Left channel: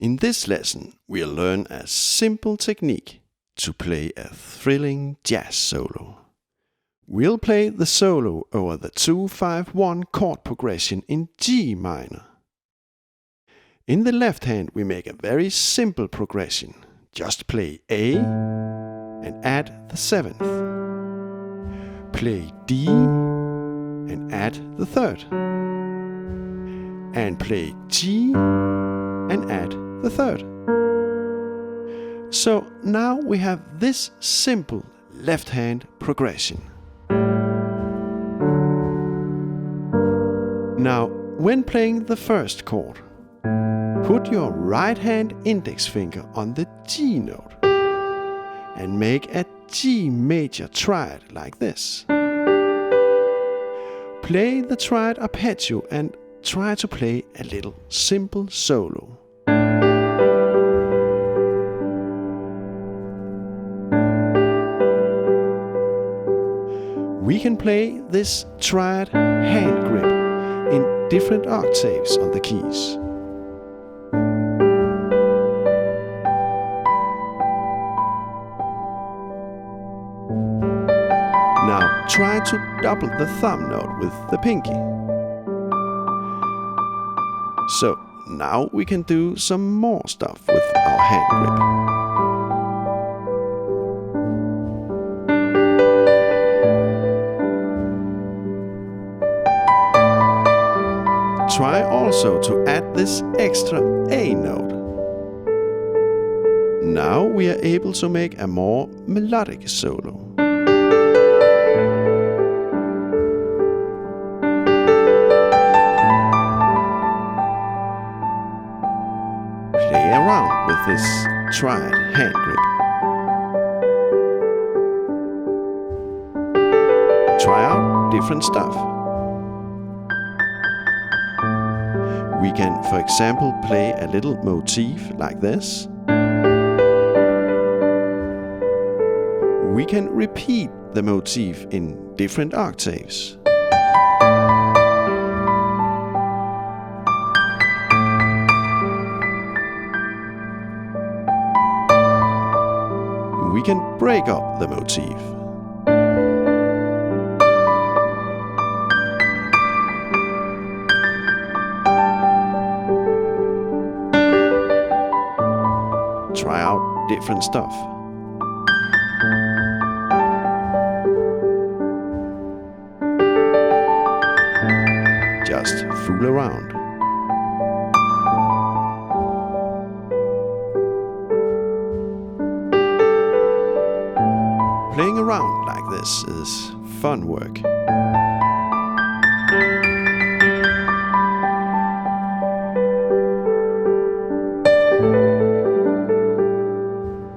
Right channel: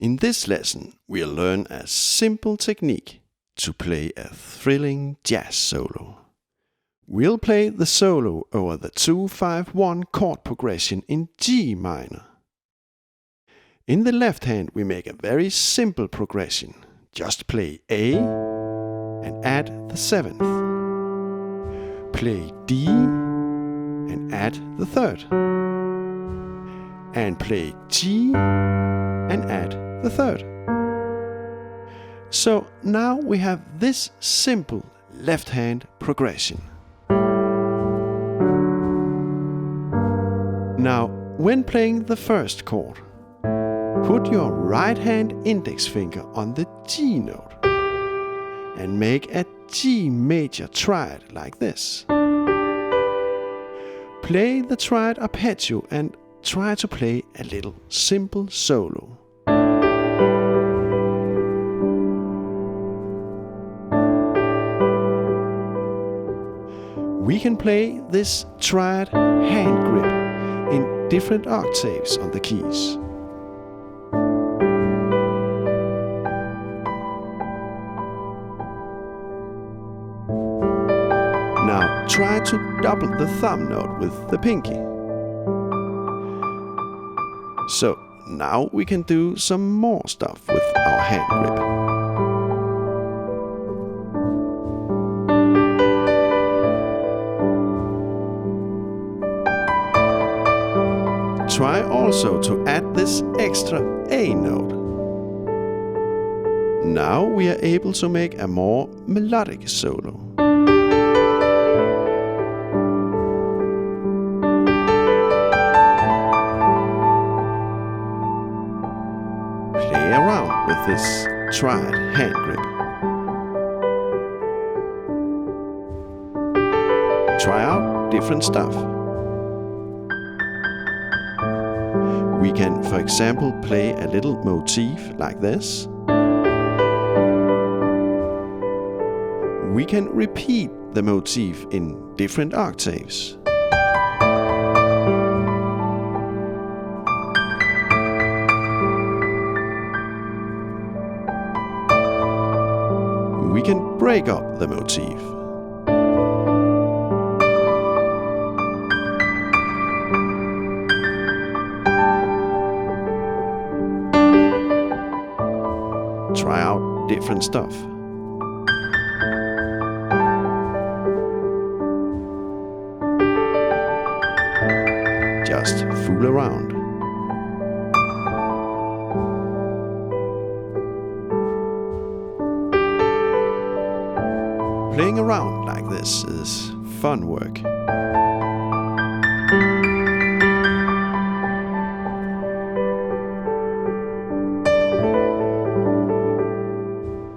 In this lesson, we'll learn a simple technique to play a thrilling jazz solo. We'll play the solo over the 2-5-1 chord progression in G minor. In the left hand, we make a very simple progression. Just play A and add the 7th. Play D and add the 3rd. And play G and add the 3rd. So now we have this simple left hand progression. Now, when playing the first chord, put your right hand index finger on the G note and make a G major triad like this. Play the triad arpeggio and try to play a little simple solo. We can play this triad hand grip in different octaves on the keys. Now try to double the thumb note with the pinky. So now we can do some more stuff with our hand grip. Try also to add this extra A note. Now we are able to make a more melodic solo. Play around with this triad hand grip. Try out different stuff. We can, for example, play a little motif like this. We can repeat the motif in different octaves. We can break up the motif. Try out different stuff. Just fool around. Playing around like this is fun work.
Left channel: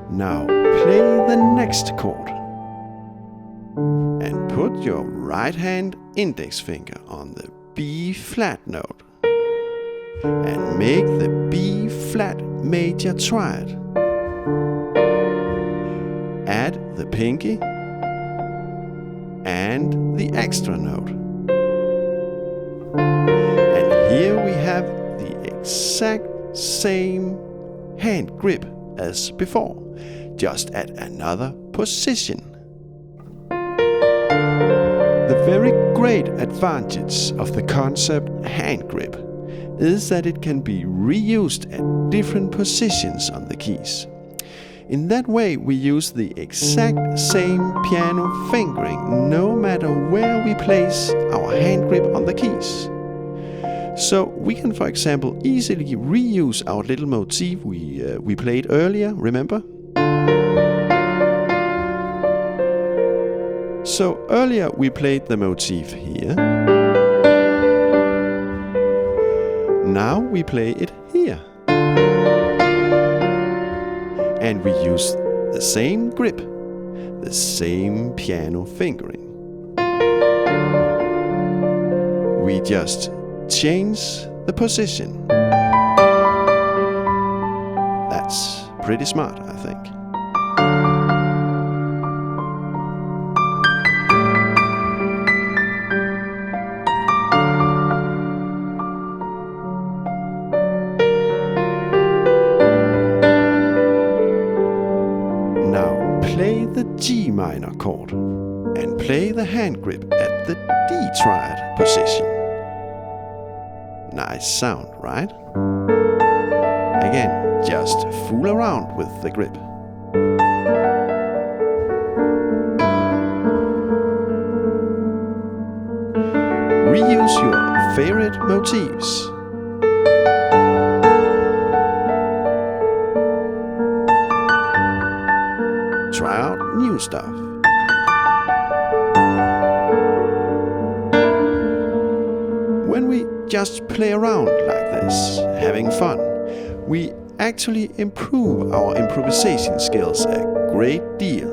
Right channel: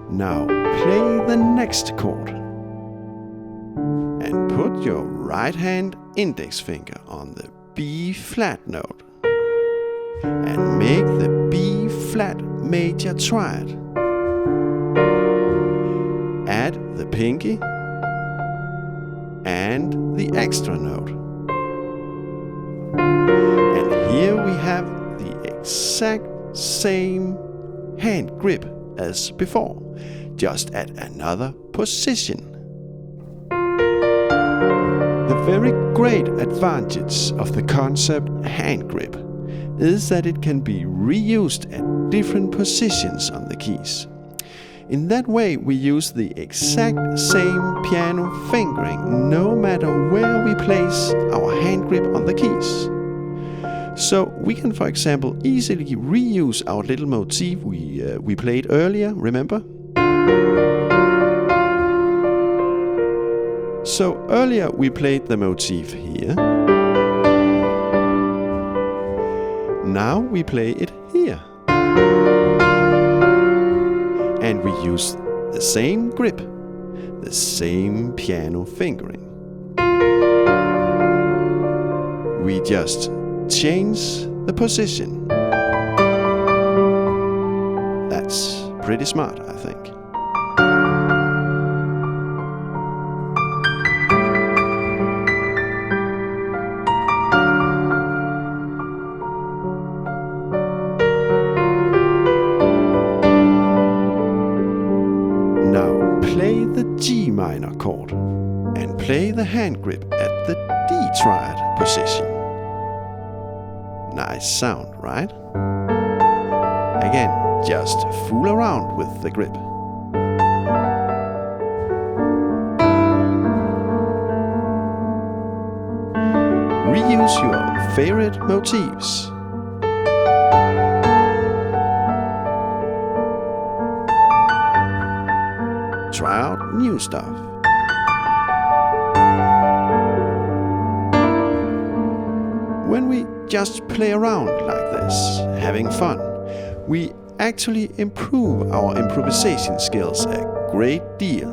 Now play the next chord and put your right hand index finger on the B flat note and make the B flat major triad. Add the pinky and the extra note. And here we have the exact same hand grip as before, just at another position. The very great advantage of the concept hand grip is that it can be reused at different positions on the keys. In that way, we use the exact same piano fingering no matter where we place our hand grip on the keys. So we can, for example, easily reuse our little motif we played earlier, remember? So earlier we played the motif here. Now we play it here. And we use the same grip, the same piano fingering. We just change the position. That's pretty smart, I think. the G minor chord and play the hand grip at the D triad position. Nice sound, right? Again, just fool around with the grip. Reuse your favorite motifs. Try out new stuff. When we just play around like this, having fun, we actually improve our improvisation skills a great deal.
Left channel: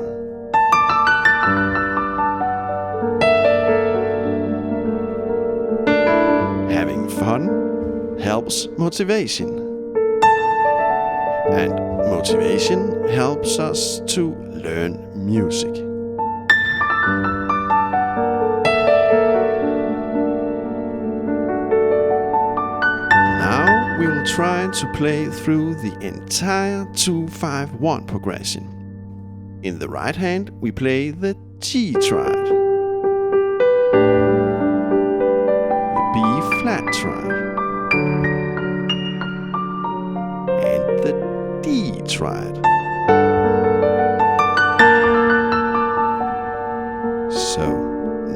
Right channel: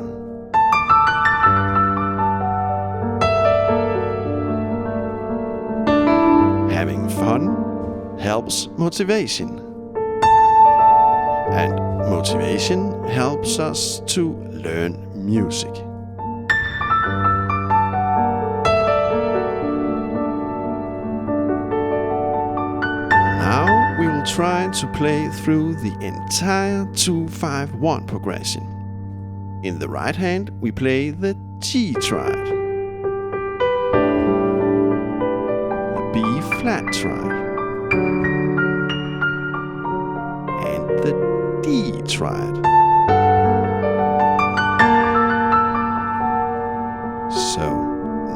Having fun helps motivation. And motivation helps us to learn music. Now we will try to play through the entire 2-5-1 progression. In the right hand we play the G triad, the B flat triad, and the D triad. So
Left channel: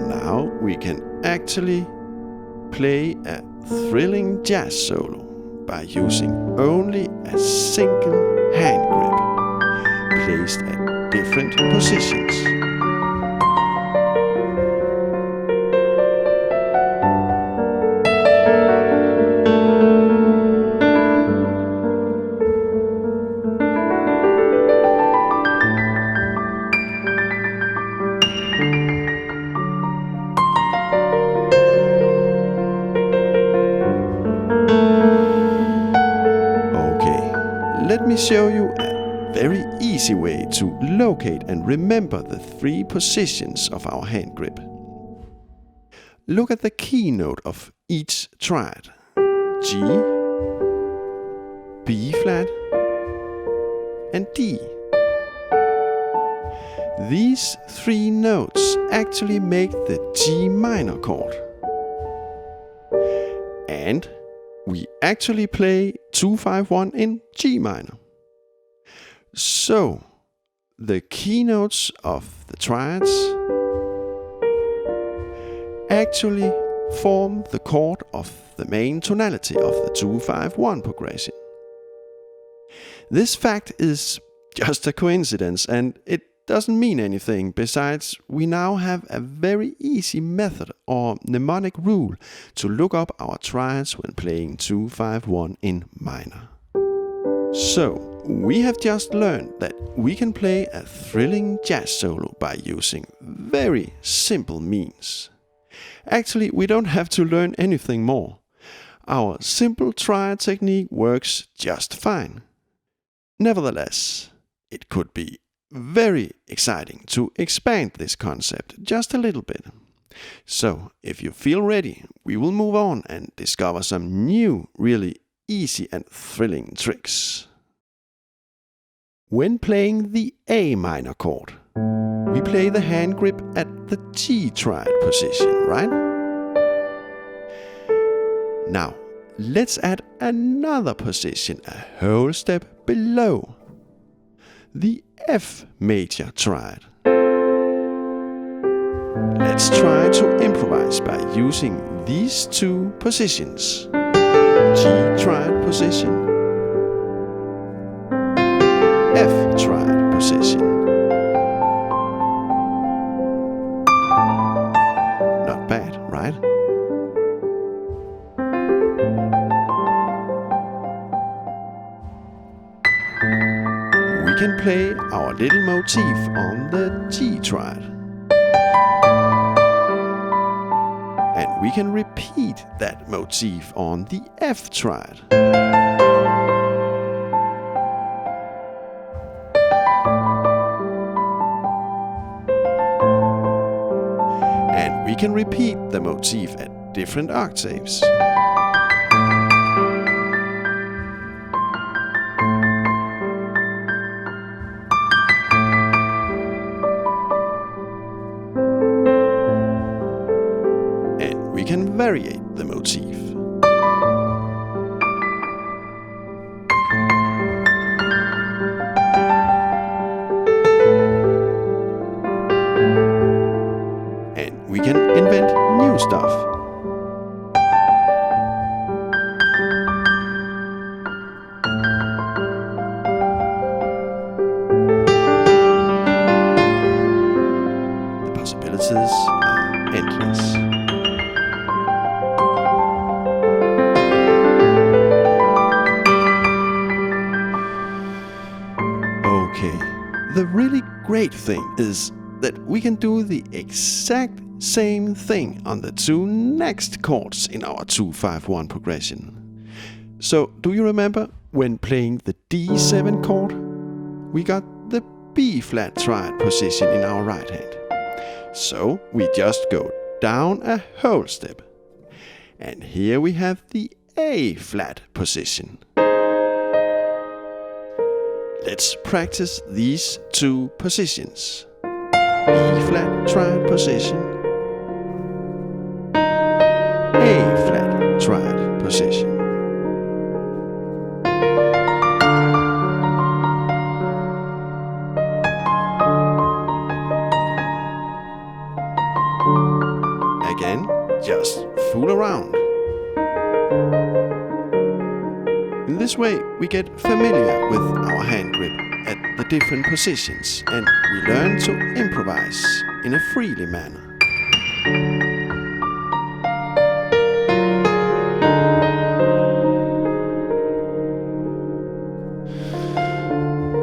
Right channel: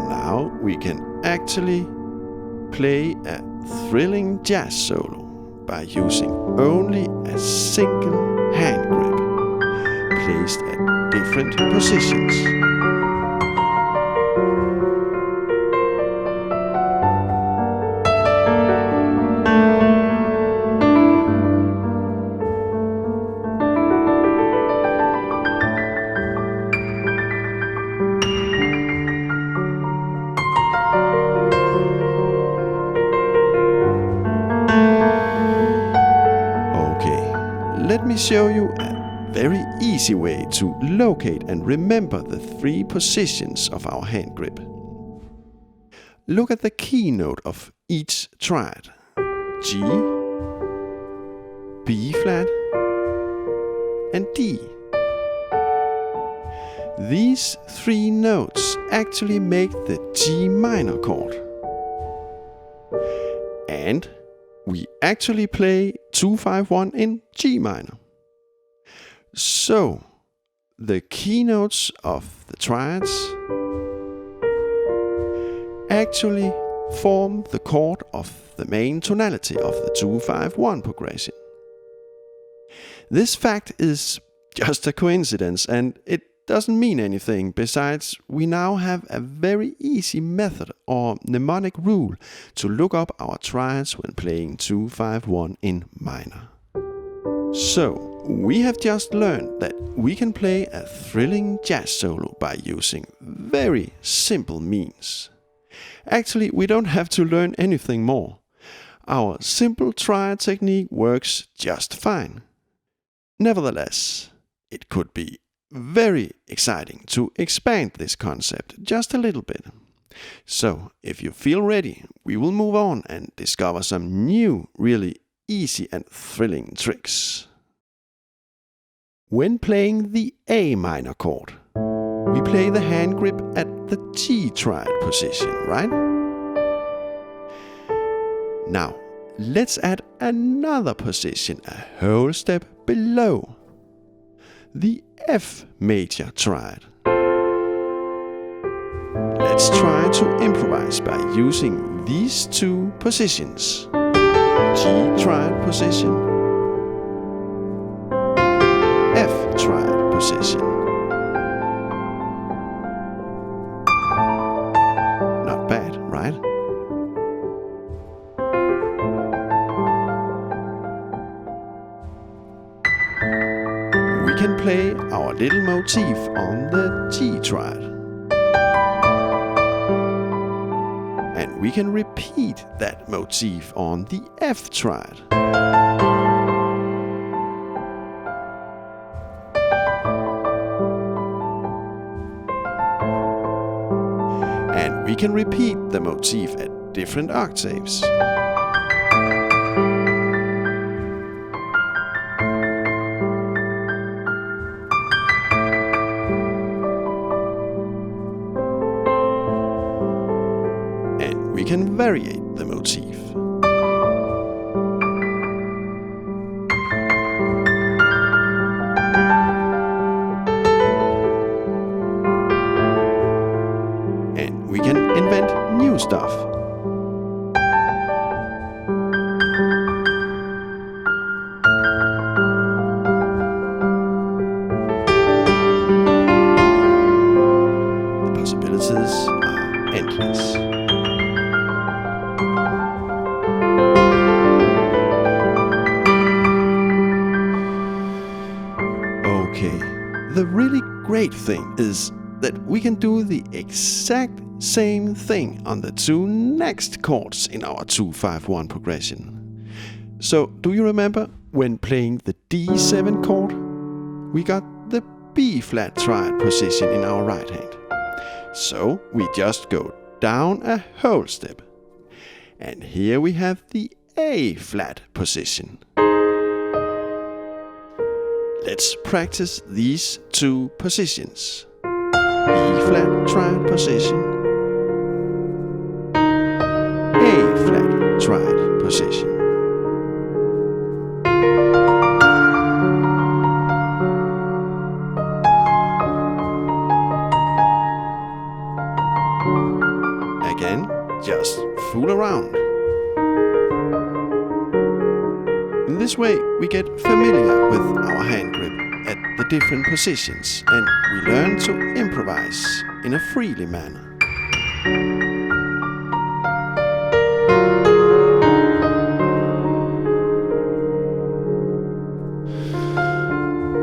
now we can actually play a thrilling jazz solo by using only a single hand grip placed at different positions. Let me show you a very easy way to locate and remember the 3 positions of our hand grip. Look at the key note of each triad: G, B flat, and D. These 3 notes actually make the G minor chord. And we actually play 2-5-1 in G minor. So, the key notes of the triads actually form the chord of the main tonality of the 2-5-1 progression. This fact is just a coincidence, and it doesn't mean anything. Besides, we now have a very easy method or mnemonic rule to look up our triads when playing 2-5-1 in minor. So, we have just learned that we can play a thrilling jazz solo by using very simple means. Actually, we don't have to learn anything more. Our simple triad technique works just fine. Nevertheless, it could be very exciting to expand this concept just a little bit. So, if you feel ready, we will move on and discover some new, really easy and thrilling tricks. When playing the A minor chord, we play the hand grip at the G triad position, right? Now, let's add another position a whole step below: the F major triad. Let's try to improvise by using these 2 positions: G triad position, F triad position. Not bad, right? We can play our little motif on the G triad. And we can repeat that motif on the F triad. And we can repeat the motif at different octaves. we can variate the motif. And we can invent new stuff. The possibilities are endless. Okay, the really great thing is that we can do the exact same thing on the two next chords in our 2-5-1 progression. So, do you remember when playing the D7 chord? We got the B flat triad position in our right hand. So, we just go down a whole step. And here we have the A flat position. Let's practice these two positions. B flat triad position, A flat triad position. Again, just fool around. In this way, we get familiar with our hand grip at the different positions, and we learn to improvise in a freely manner.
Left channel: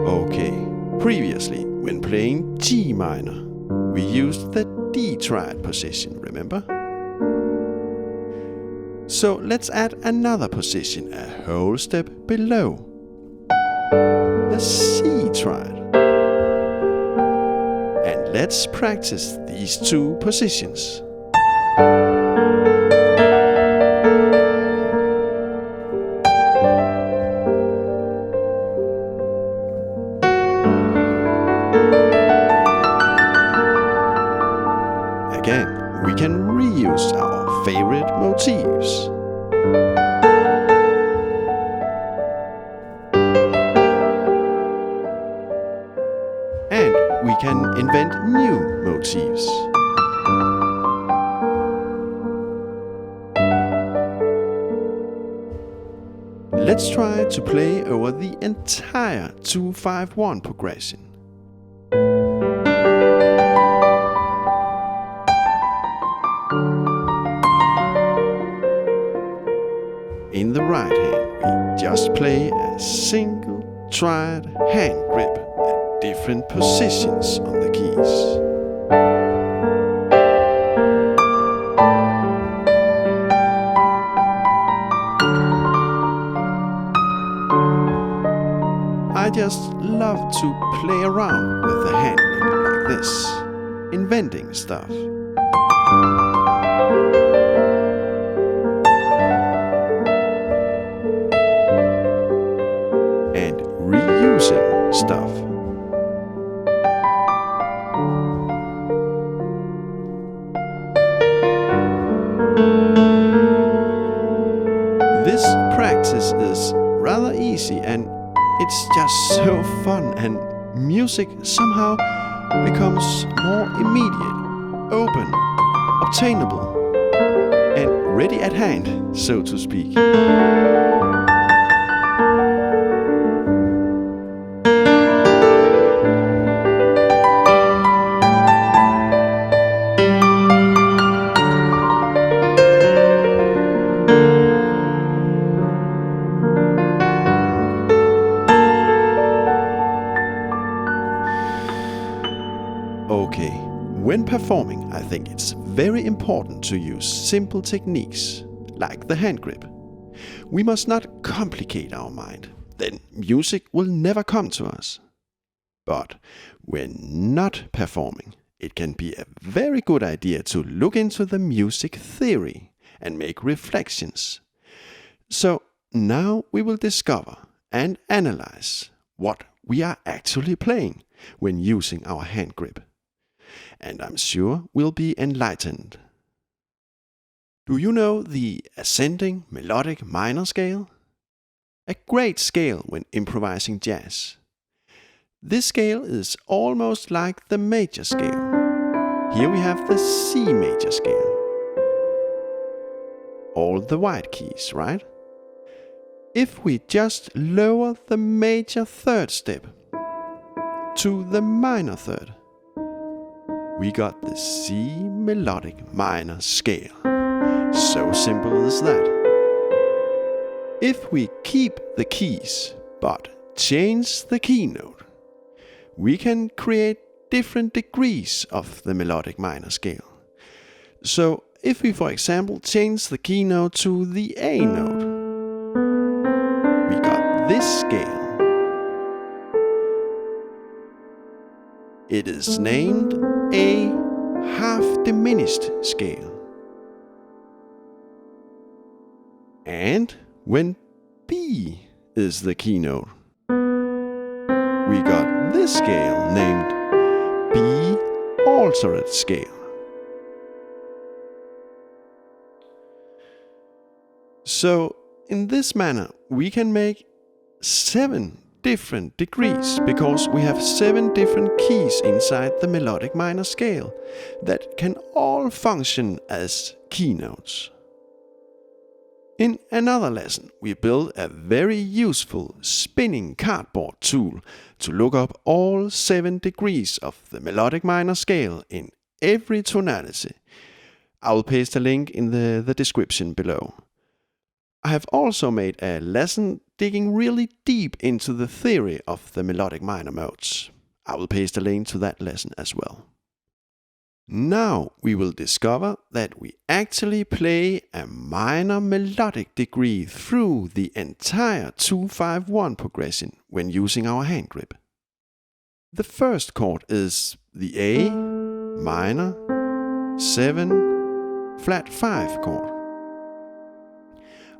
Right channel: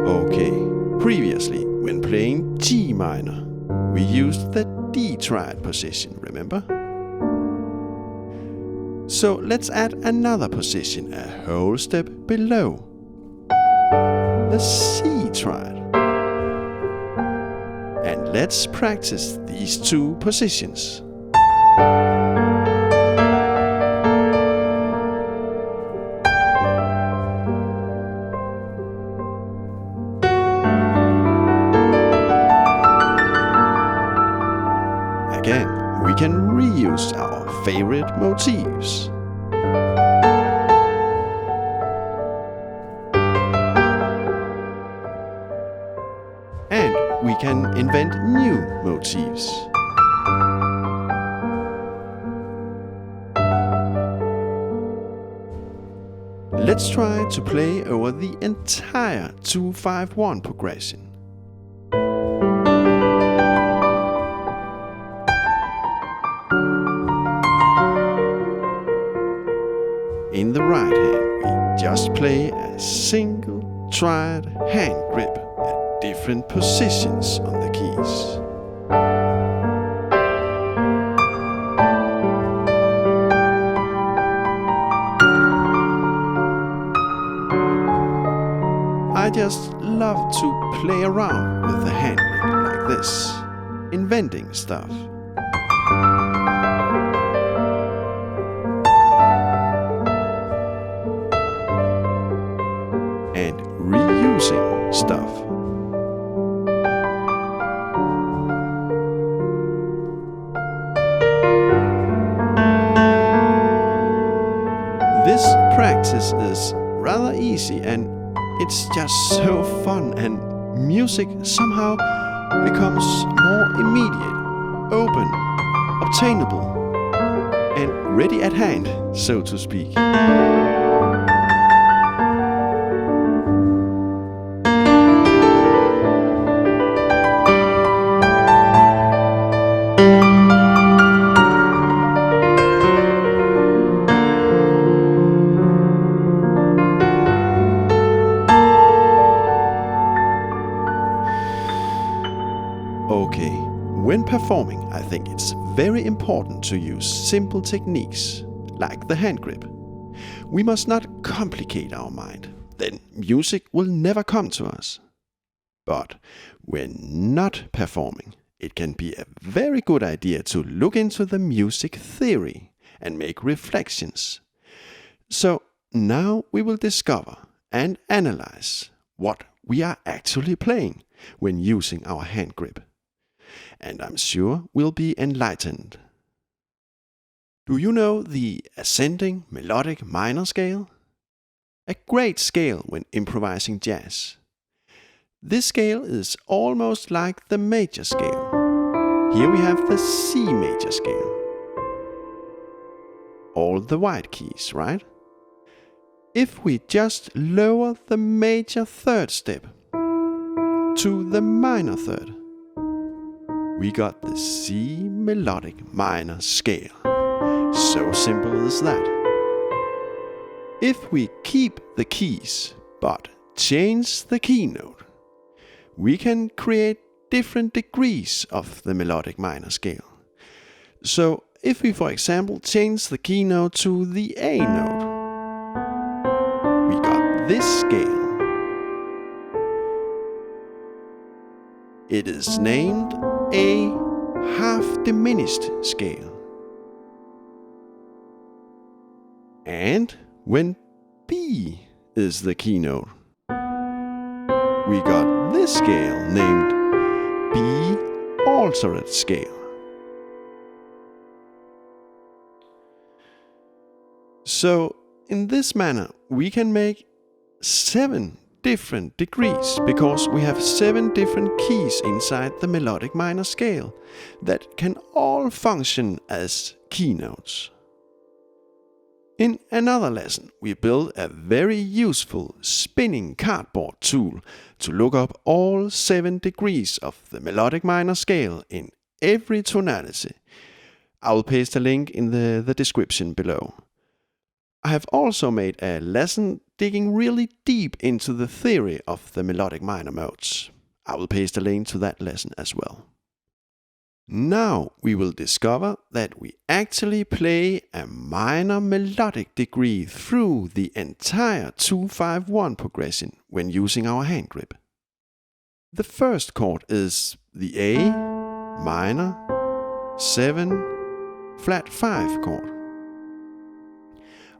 Okay, previously, when playing G minor, we used the D triad position, remember? So let's add another position a whole step below. The C triad. And let's practice these two positions. Again, we can reuse our favorite motifs. And we can invent new motifs. Let's try to play over the entire 2-5-1 progression. In the right hand, we just play a single triad hand grip at different positions on the keys. I just love to play around with the hand grip like this, inventing stuff. And reusing stuff. This practice is rather easy and it's just so fun, and music somehow becomes more immediate, open, obtainable, and ready at hand, so to speak. Okay, when performing, I think it's very important to use simple techniques, like the hand grip. We must not complicate our mind, then music will never come to us. But when not performing, it can be a very good idea to look into the music theory and make reflections. So now we will discover and analyze what we are actually playing when using our hand grip. And I'm sure we'll be enlightened. Do you know the ascending melodic minor scale? A great scale when improvising jazz. This scale is almost like the major scale. Here we have the C major scale. All the white keys, right? If we just lower the major third step to the minor third, we got the C melodic minor scale. So simple as that. If we keep the keys but change the keynote, we can create different degrees of the melodic minor scale. So if we, for example, change the keynote to the A note, we got this scale. It is named a half diminished scale. And when B is the keynote, we got this scale named B altered scale. So in this manner we can make 7 different degrees because we have 7 different keys inside the melodic minor scale that can all function as keynotes. In another lesson, we built a very useful spinning cardboard tool to look up all 7 degrees of the melodic minor scale in every tonality. I will paste a link in the description below. I have also made a lesson digging really deep into the theory of the melodic minor modes. I will paste a link to that lesson as well. Now we will discover that we actually play a minor melodic degree through the entire 2-5-1 progression when using our hand grip. The first chord is the A minor 7 flat 5 chord.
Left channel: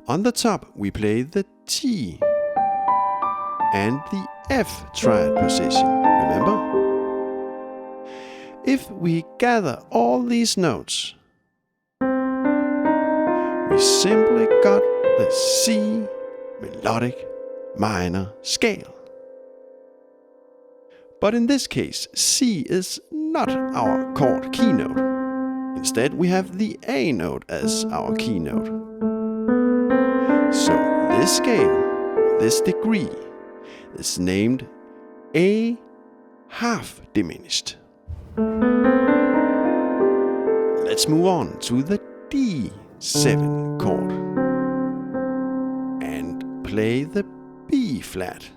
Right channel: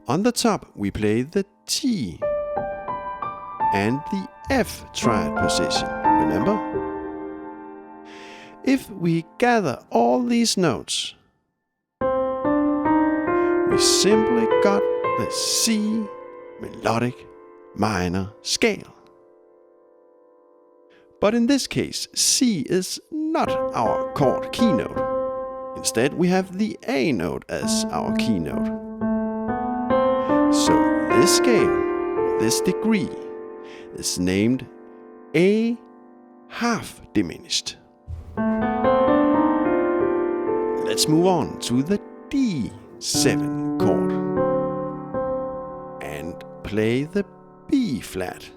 On the top we play the G and the F triad position, remember? If we gather all these notes, we simply got the C melodic minor scale. But in this case, C is not our chord keynote. Instead, we have the A note as our keynote. So this scale, or this degree, is named A half diminished. Let's move on to the D7 chord and play the B flat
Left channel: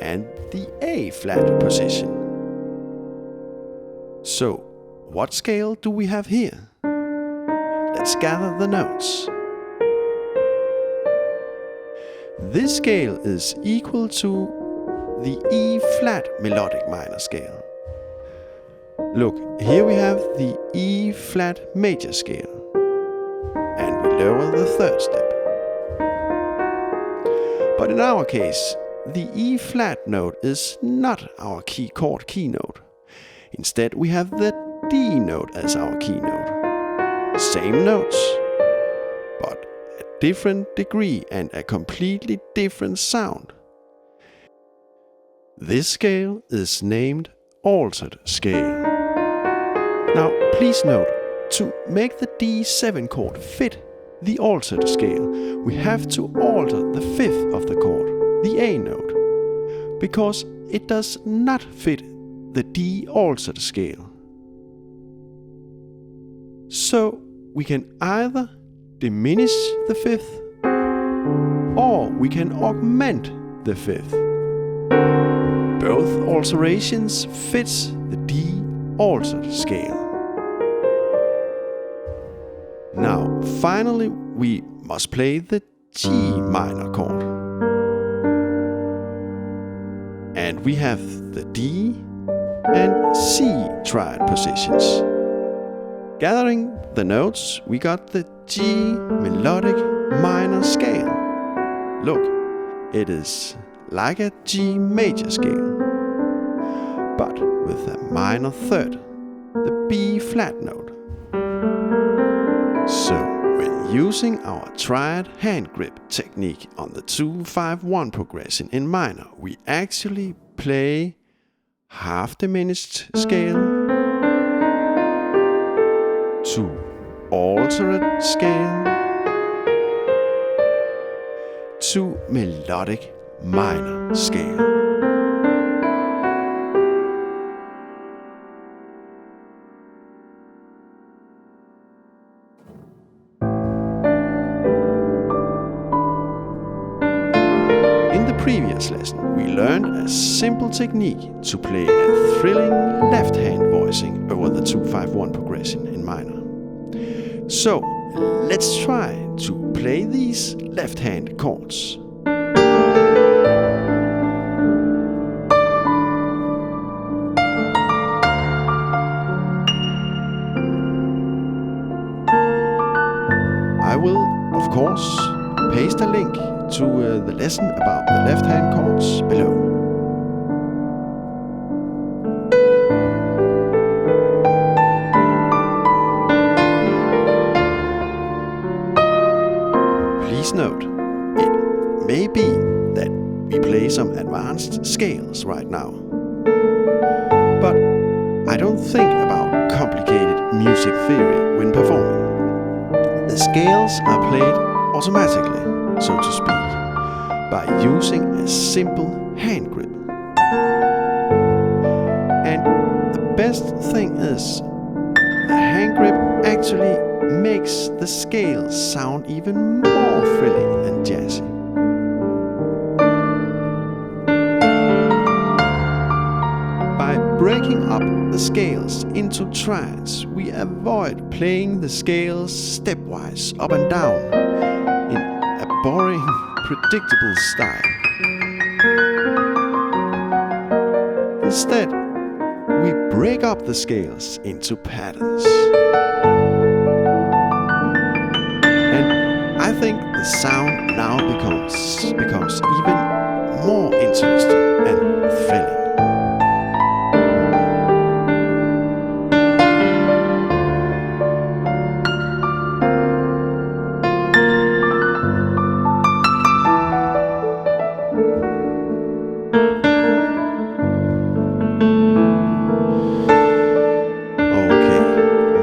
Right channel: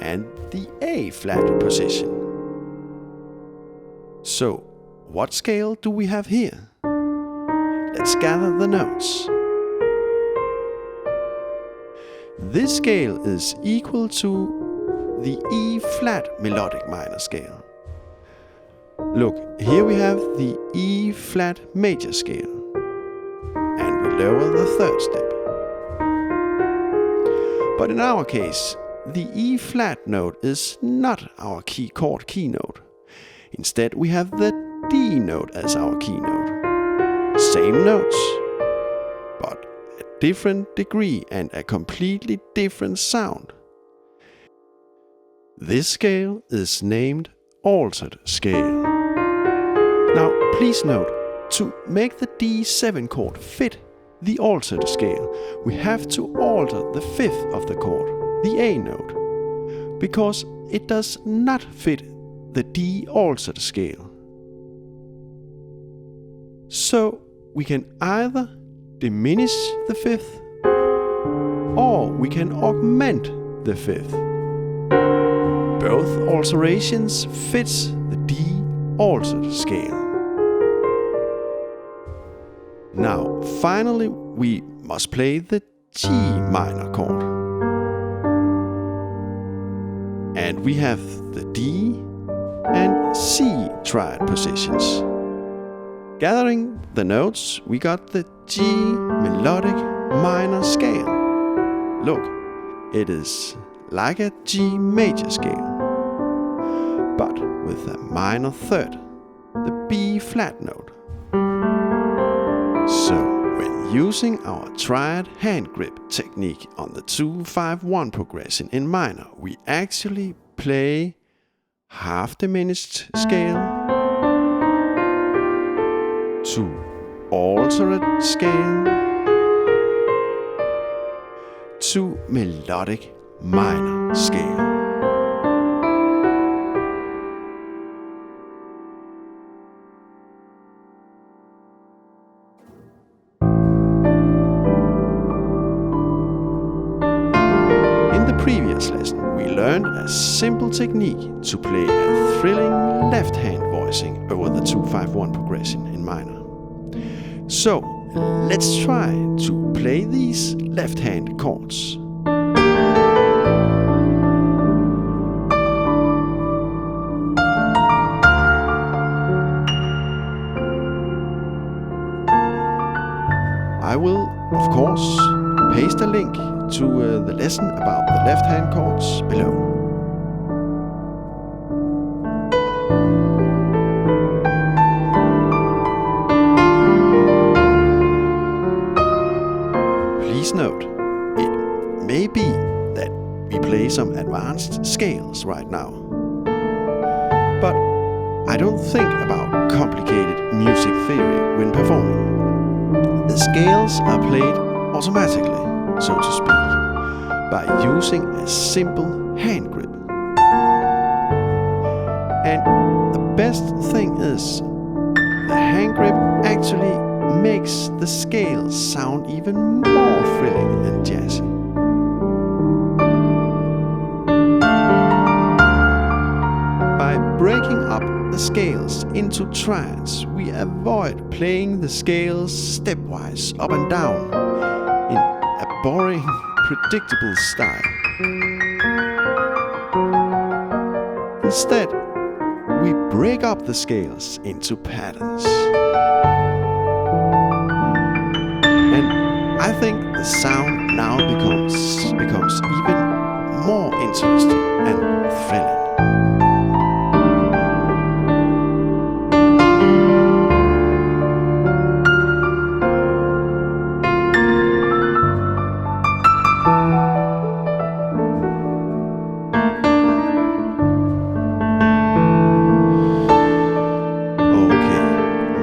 and the A flat position. So, what scale do we have here? Let's gather the notes. This scale is equal to the E flat melodic minor scale. Look, here we have the E flat major scale, and we lower the third step. But in our case, the E flat note is not our chord keynote. Instead, we have the D note as our keynote. Same notes, but a different degree and a completely different sound. This scale is named altered scale. Now, please note, to make the D7 chord fit the altered scale, we have to alter the 5th of the chord, the A note, because it does not fit the D altered scale. So, we can either diminish the 5th, or we can augment the 5th. Both alterations fits the D altered scale. Now, finally, we must play the G minor chord. And we have the D and C triad positions. Gathering the notes, we got the G melodic minor scale. Look, it is like a G major scale, but with a minor third, the B flat note. So, when using our triad hand grip technique on the 2-5-1 progression in minor, we actually play half diminished scale to altered scale to melodic minor scale. In the previous lesson, we learned a simple technique to play a thrilling left-hand voicing over the 2-5-1 progression in minor. So, let's try to play these left-hand chords. I will, of course, paste a link to the lesson about the left-hand chords below. Please note, it may be that we play some advanced scales right now. But I don't think about complicated music theory when performing. The scales are played automatically, so to speak, by using a simple hand grip. And the best thing is, the hand grip actually makes the scales sound even more thrilling and jazzy. By breaking up the scales into triads, we avoid playing the scales stepwise up and down in a boring, predictable style. Instead, we break up the scales into patterns. And I think the sound now becomes even more interesting and thrilling.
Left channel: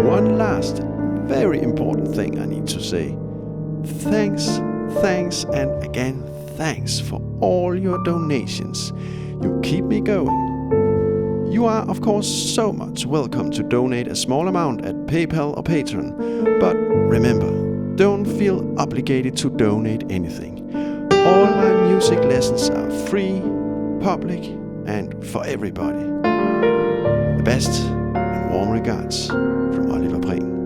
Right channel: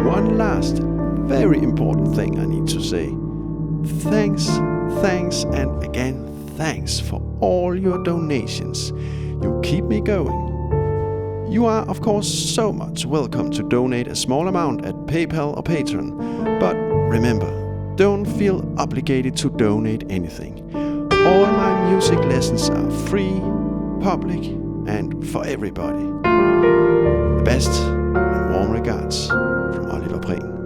One last very important thing I need to say. Thanks, and again thanks for all your donations. You keep me going. You are, of course, so much welcome to donate a small amount at PayPal or Patreon. But remember, don't feel obligated to donate anything. All my music lessons are free, public, and for everybody. The best and warm regards from Oliver Prehn.